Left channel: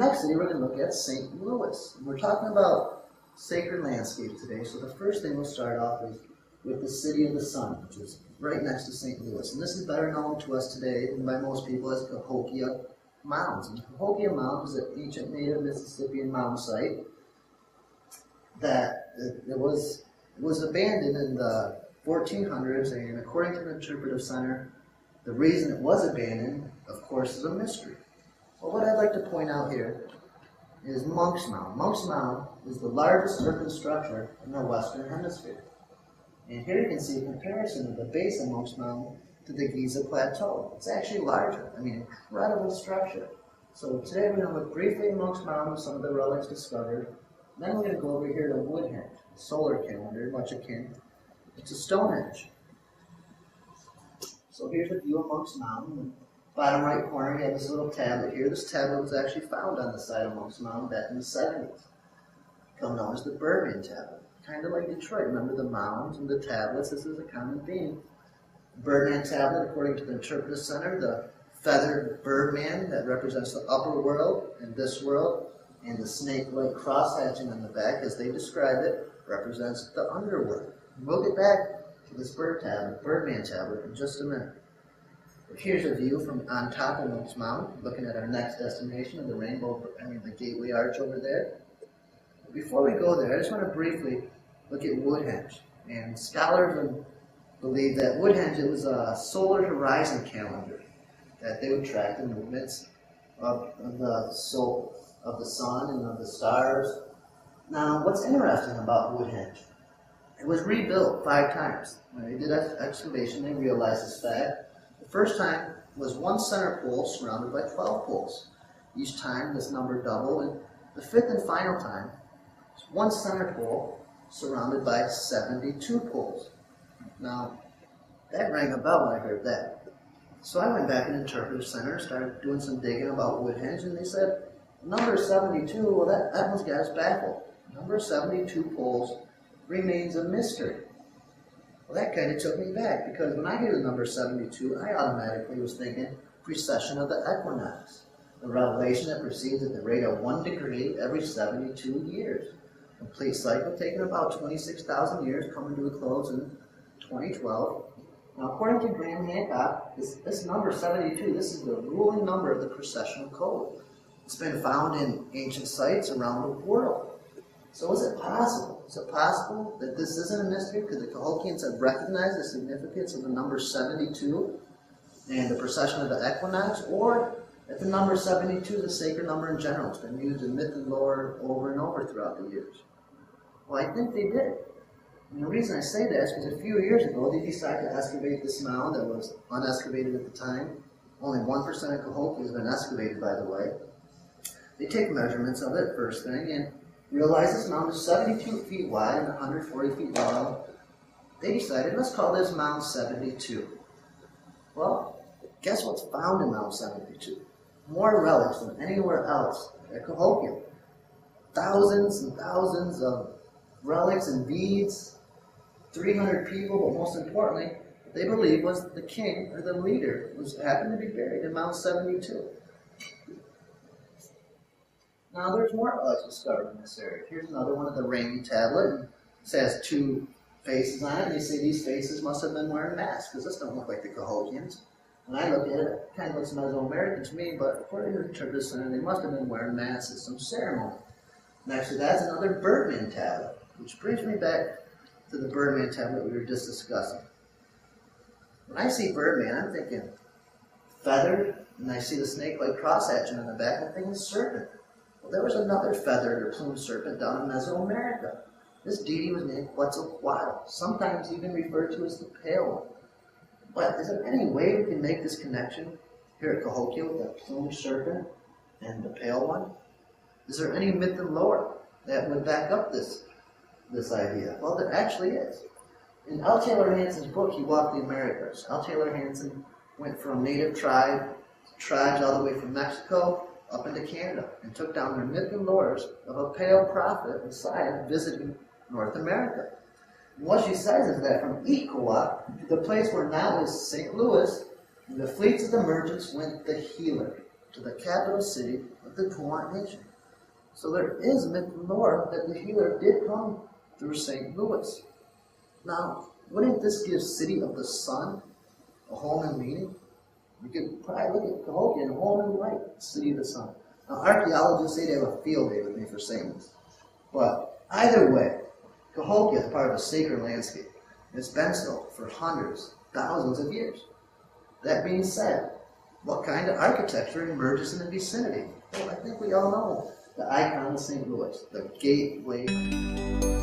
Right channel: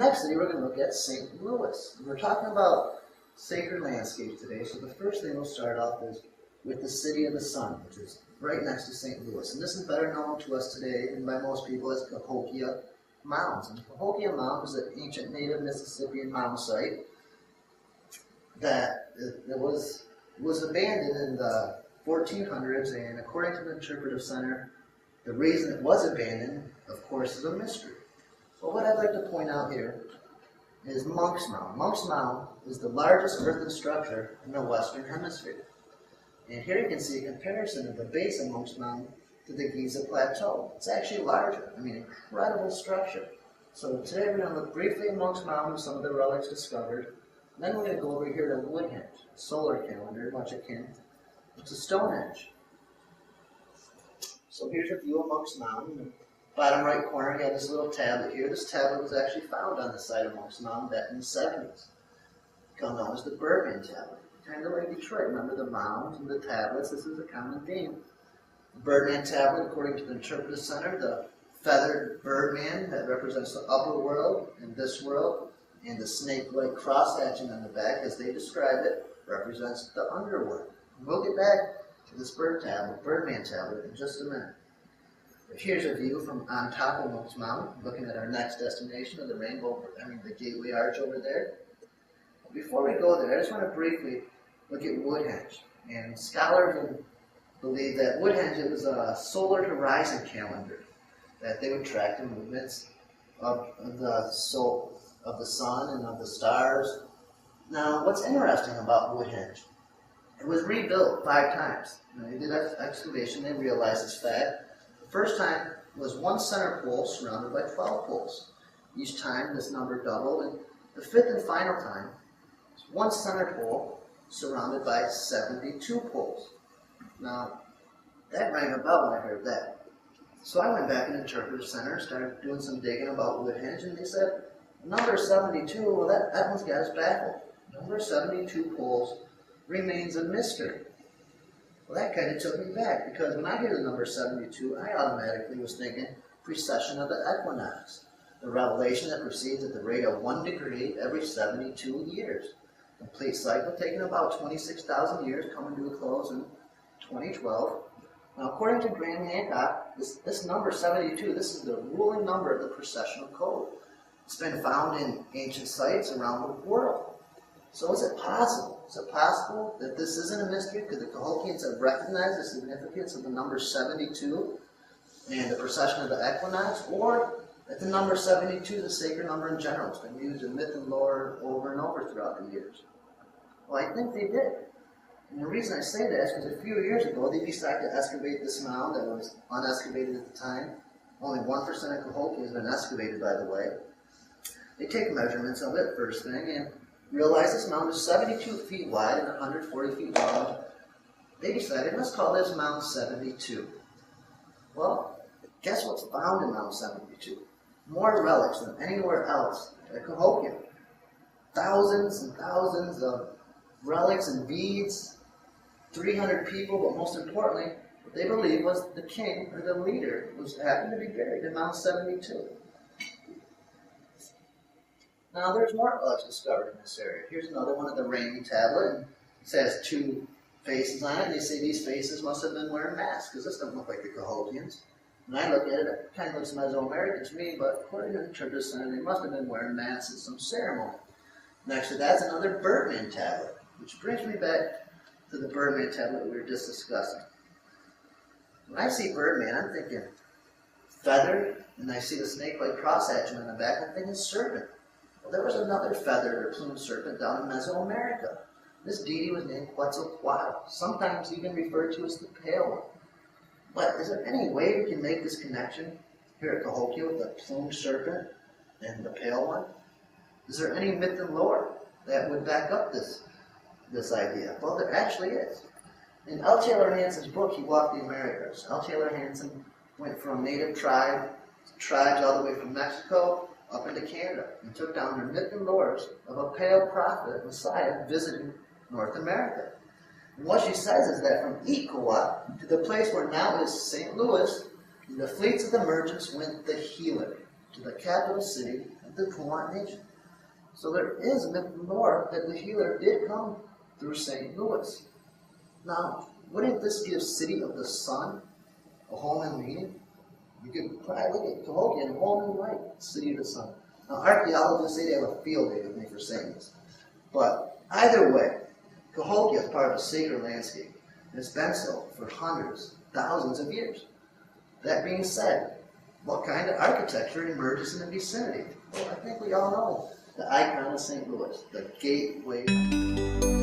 next city we're going to look at St. Louis. And we're talking about sacred landscapes today, so the first thing we'll start off is with the City of the Sun, which is right next to St. Louis. And this is better known to us today and by most people as Cahokia Mounds. And Cahokia Mounds is an ancient native Mississippian mound site that it was abandoned in the 1400s, and according to the Interpretive Center, the reason it was abandoned, of course, is a mystery. Well, what I'd like to point out here is Monk's Mound. Monk's Mound is the largest earthen structure in the Western Hemisphere. And here you can see a comparison of the base of Monk's Mound to the Giza Plateau. It's actually larger. I mean, incredible structure. So today we're going to look briefly at Monk's Mound with some of the relics discovered. Then we're going to go over here to Woodhenge, a solar calendar, much akin to Stonehenge. So here's a view of Monk's Mound. In the bottom right corner, we have this little tablet here. This tablet was actually found on the site of Monk's Mound back in the 70s. Become known as the Birdman tablet. Kind of like Detroit. Remember the mounds and the tablets? This is a common theme. The Birdman tablet, according to the Interpretive Center, the feathered Birdman that represents the upper world and this world, and the snake-like cross-hatching on the back, as they describe it, represents the underworld. We'll get back to this Birdman tablet in just a minute. But here's a view from on top of Monk's Mound, looking at our next destination of the the Gateway Arch over there. But before we go there, I just want to briefly look at Woodhenge. And scholars believe that Woodhenge, it was a solar horizon calendar that they would track the movements of the sun and of the stars. Now, what's interesting about Woodhenge, it was rebuilt 5 times. When they did excavation, they realized this fact. The first time was one center pole surrounded by 12 poles. Each time this number doubled, and the 5th and final time was one center pole surrounded by 72 poles. Now, that rang a bell when I heard that. So I went back in the Interpretive Center and started doing some digging about Woodhenge, and they said, number 72, well, that one's got us baffled. Number 72 poles remains a mystery. Well, that kind of took me back, because when I hear the number 72, I automatically was thinking precession of the equinox, the revelation that proceeds at the rate of 1 degree every 72 years. Complete cycle taking about 26,000 years, coming to a close in 2012. Now, according to Graham Hancock, this number 72, this is the ruling number of the precessional code. It's been found in ancient sites around the world. So is it possible? Is it possible that this isn't a mystery because the Cahokians have recognized the significance of the number 72 and the precession of the equinox, or that the number 72 is a sacred number in general? It's been used in myth and lore over and over throughout the years. Well, I think they did. And the reason I say that is because a few years ago, they decided to excavate this mound that was unexcavated at the time. Only 1% of Cahokia has been excavated, by the way. They take measurements of it, first thing, and realize this mound is 72 feet wide and 140 feet long. They decided, let's call this Mound 72. Well, guess what's found in Mound 72? More relics than anywhere else at Cahokia. Thousands and thousands of relics and beads, 300 people, but most importantly, what they believe was the king or the leader who happened to be buried in Mound 72. Now, there's more relics discovered in this area. Here's another one of the Ramey tablet, and it has 2 faces on it, and they say these faces must have been wearing masks, because this don't look like the Cahokians. When I look at it, it kind of looks Mesoamerican to me, but according to the Interpretive Center, they must have been wearing masks at some ceremony. Next to that's another Birdman tablet, which brings me back to the Birdman tablet we were just discussing. When I see Birdman, I'm thinking feathered, and I see the snake-like cross-hatching on the back, I'm thinking serpent. Well, there was another feathered or plumed serpent down in Mesoamerica. This deity was named Quetzalcoatl, sometimes even referred to as the Pale One. But is there any way we can make this connection here at Cahokia with the plumed serpent and the Pale One? Is there any myth and lore that would back up this idea? Well, there actually is. In L. Taylor Hanson's book, He Walked the Americas, L. Taylor Hanson went from native tribes all the way from Mexico up into Canada and took down their myth and lores of a pale prophet, Messiah, visiting North America. And what she says is that from Iqua to the place where now is St. Louis, in the fleets of the merchants went the healer. to the capital city of the Puant Nation. So there is myth and lore that the healer did come through St. Louis. Now, wouldn't this give City of the Sun a whole new meaning? We could probably look at Cahokia in a whole new light, City of the Sun. Now, archaeologists say they have a field day with me for saying this. But either way, Cahokia is part of a sacred landscape. And it's been so for hundreds, thousands of years. That being said, what kind of architecture emerges in the vicinity? Well, I think we all know the icon of St. Louis, the Gateway.